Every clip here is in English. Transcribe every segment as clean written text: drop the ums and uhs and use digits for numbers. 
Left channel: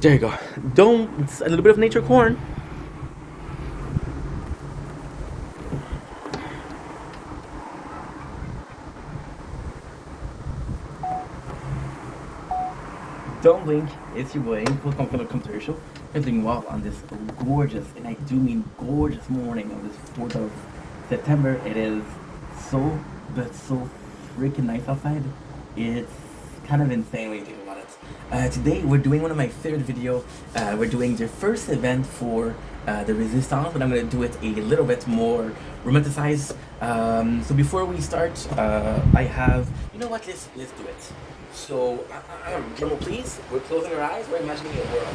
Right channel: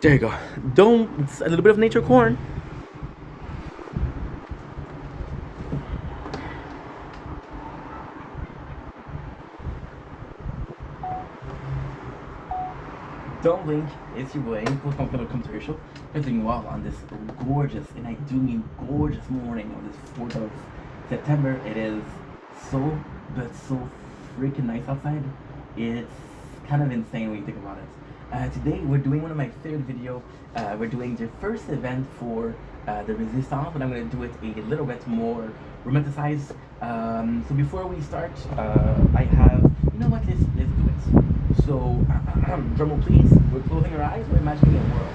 There you go. Don't. It's a little bit of nature corn. Don't blink, it's your boy, welcome to the commercial. We're doing well on this gorgeous, and I do mean gorgeous morning on this 4th of September. It is so freaking nice outside. It's kind of insane when you think about it. Today we're doing one of my favorite videos. We're doing the first event for the Resistance, but I'm going to do it a little bit more romanticized. So before we start, I have, you know what, let's do it. So, drum roll please. We're closing our eyes. We're imagining a world.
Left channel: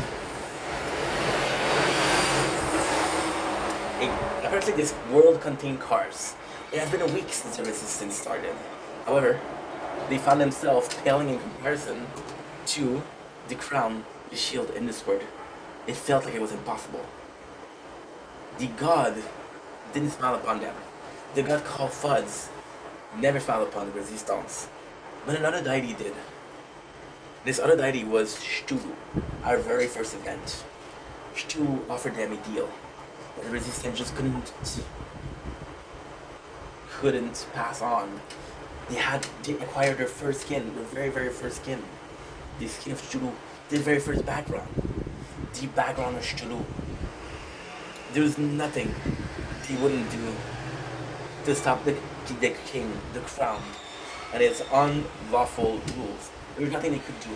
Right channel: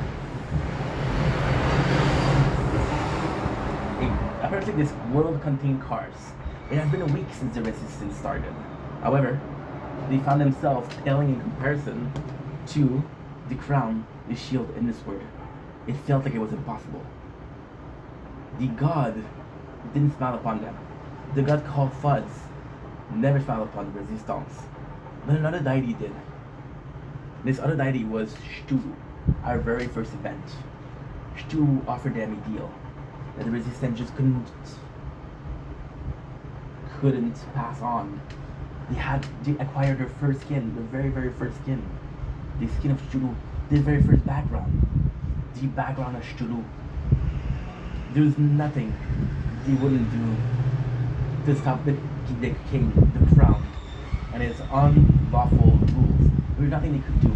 Apparently, this world contained cars. It has been a week since the resistance started. However, they found themselves paling in comparison to the crown, the shield, and the sword. It felt like it was impossible. The god didn't smile upon them. The god called Fudz never smiled upon the resistance. But another deity did. This other deity was Cthulhu, our very first event. Cthulhu offered them a deal that the resistance just couldn't pass on. They acquired their first skin, their very first skin. The skin of Cthulhu, their very first background. The background of Cthulhu. There was nothing they wouldn't do to stop the king, the crown, and its unlawful rules. There was nothing they could do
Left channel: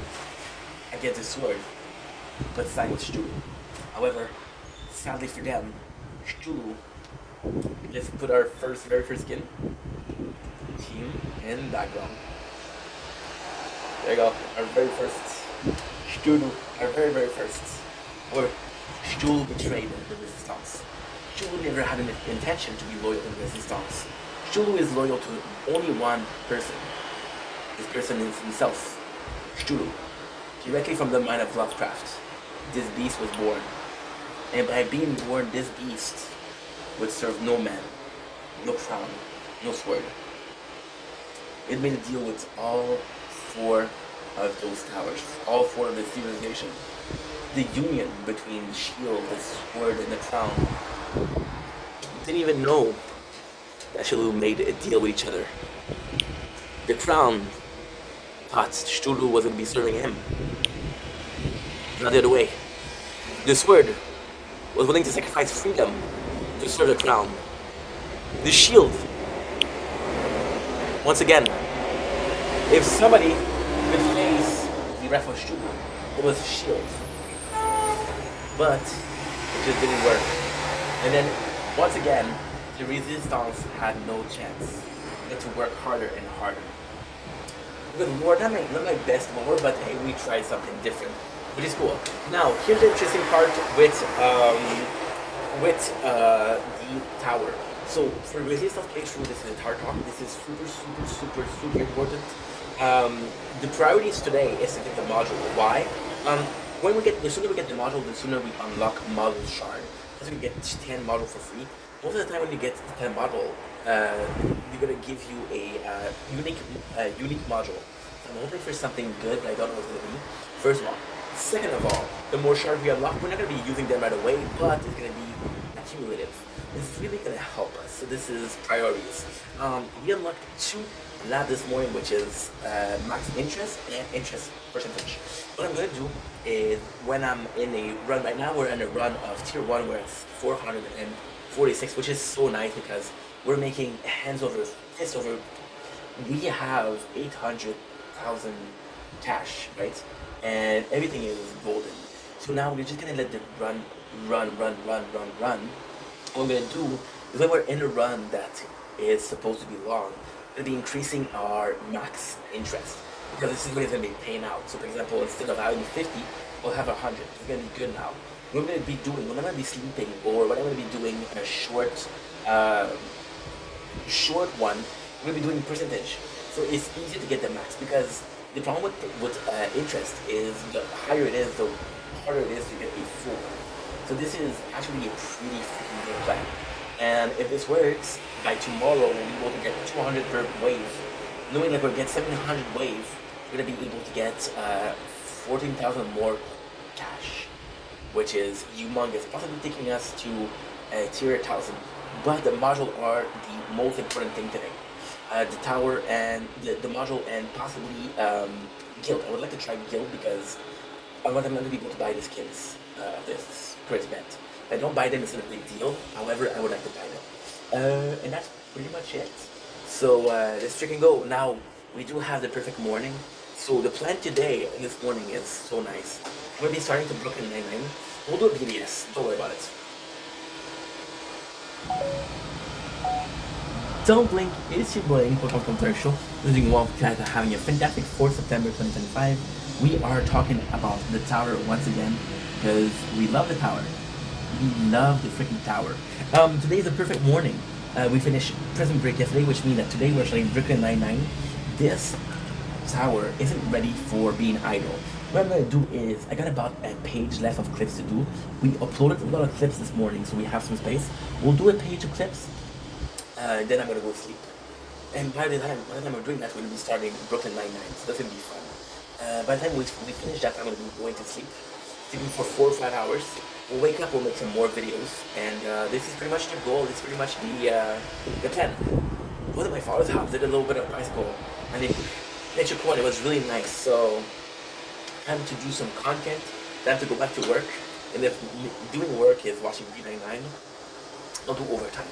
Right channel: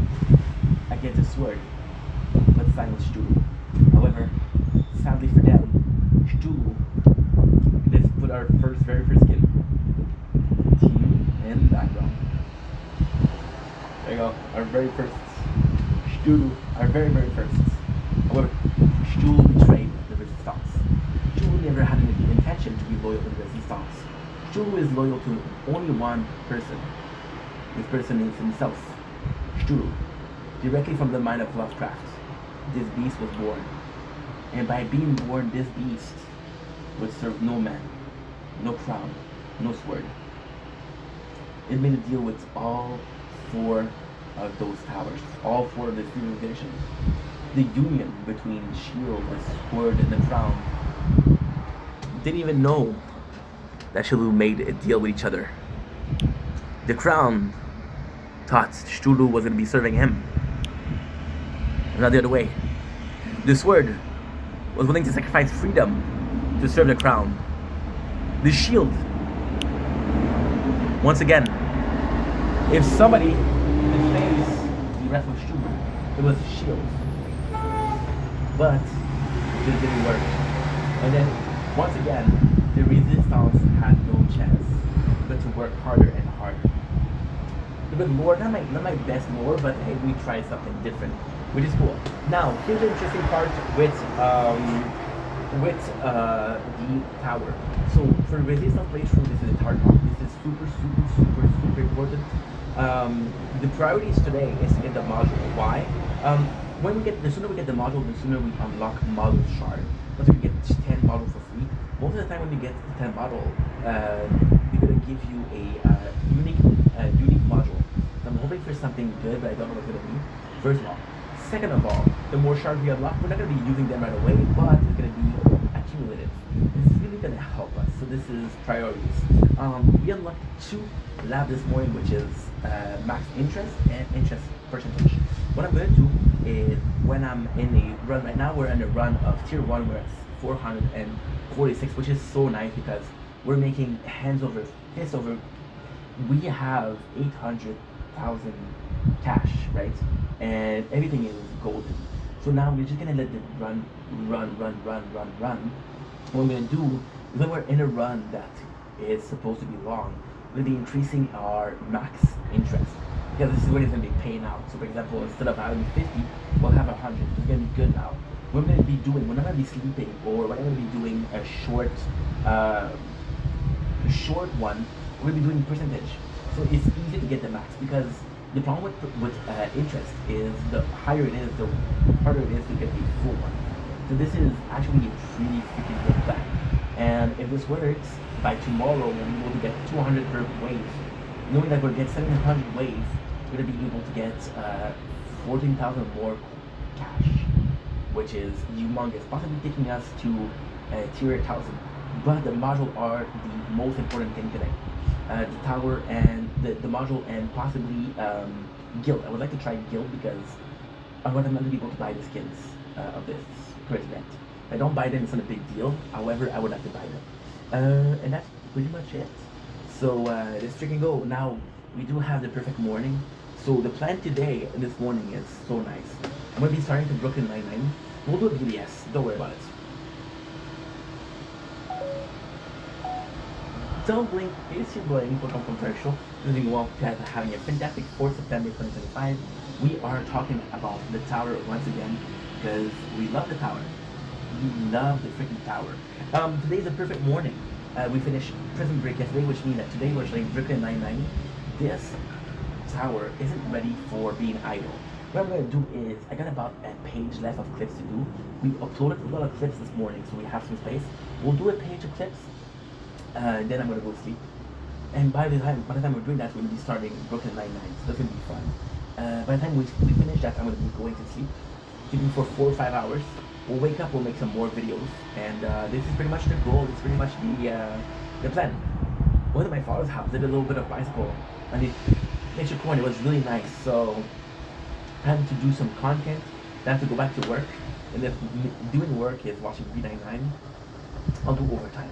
against the sword but side with Cthulhu. However, sadly for them, Cthulhu, let's put our very first skin team in the background. There you go, our very first Cthulhu, our very first. However, Cthulhu betrayed the resistance. Cthulhu never had an intention to be loyal to the resistance. Cthulhu is loyal to only one person. This person is himself, Cthulhu. Directly from the mind of Lovecraft, this beast was born. And by being born, this beast would serve no man, no crown, no sword. It made a deal with all four of those towers, all four of the civilization. The union between the shield, the sword, and the crown didn't even know that Cthulhu made a deal with each other. The crown thought Cthulhu was going to be serving him, not the other way. The sword was willing to sacrifice freedom to serve the crown. The shield, once again, if somebody could face the wrath of Cthulhu, it was shield. But it just didn't work. And then, once again, the resistance had no chance but to work harder and harder. Because Lord, not my best lore, but hey, we tried something different, which is cool. Now, here's the interesting part with the tower. So for resistance playthrough, this is a hard one. This is super important. The priorities today is to get the module. Why? The sooner we get the module, the sooner we unlock module shard. Because we get 10 module for free. Most of the time when you get the 10 module, they're gonna give you a unique module. So I'm hoping for something good, but I don't know what's gonna be. First of all. Second of all, the more shards we unlock, we're not gonna be using them right away, but it's gonna be accumulative. It's really gonna help us. So this is priorities. We unlocked 2 labs this morning, which is max interest and interest percentage. What I'm gonna do is, when I'm in a run right now, we're in a run of tier 1, we're at 446, which is so nice because we're making hands over fist over. We have 800,000 cash, right? And everything is golden. So now we're just gonna let the run. What we're gonna do is, when we're in a run that is supposed to be long, we're gonna be increasing our max interest, because this is what it's gonna be paying out. So for example, instead of having 50, we'll have 100. It's gonna be good now. What I'm gonna be doing, when I'm gonna be sleeping, or when I'm gonna be doing a short one, we're gonna be doing percentage. So it's easier to get the max, because the problem with interest is, the higher it is, the harder it is to get a full one. So this is actually a pretty freaking good plan. And if this works, by tomorrow we'll be able to get 200 per wave. Knowing that we'll get 700 wave, we're gonna be able to get 14,000 more cash. which is humongous, possibly taking us to tier 1000. But the module are the most important thing today. The tower and the module and possibly guild. I would like to try guild because I want them to be able to buy the skins of this crazy event. If I don't buy them, it's not a big deal. However, I would like to buy them. And that's pretty much it. So let's freaking go. Now, we do have the perfect morning. So the plan today and this morning is so nice. I'm going to be starting to Brooklyn Nine-Nine. We'll do a BBS. Don't worry about it. Don't blink, it's your boy Inco Commercial. Doing well, guys are having a fantastic 4th September 2025. We are talking about the tower once again because we love the tower. We love the freaking tower. Today is a perfect morning. We finished Prison Break yesterday, which means that today we're playing Brooklyn Nine-Nine. This tower isn't ready for being idle. What I'm going to do is, I got about a page left of clips to do. We uploaded a lot of clips this morning, so we have some space. We'll do a page of clips. Then I'm gonna go sleep. And by the time we're doing that, we're gonna be starting Brooklyn Nine-Nine. So that's gonna be fun. By the time we finish that, I'm gonna be going to sleep. Sleeping for 4 or 5 hours. We'll wake up, we'll make some more videos. And this is pretty much the goal. This is pretty much the plan. Went to my father's house, did a little bit of bicycle. And the nature corner was really nice. So time to do some content. Time to go back to work. And if doing work is watching B99, I'll do overtime.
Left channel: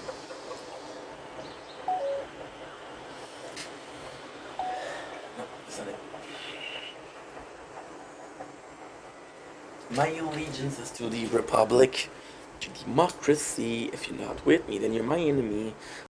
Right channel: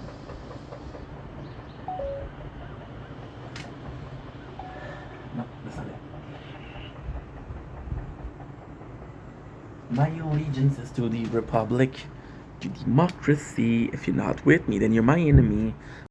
No, that's not it. My allegiance is to the Republic, to democracy. If you're not with me, then you're my enemy.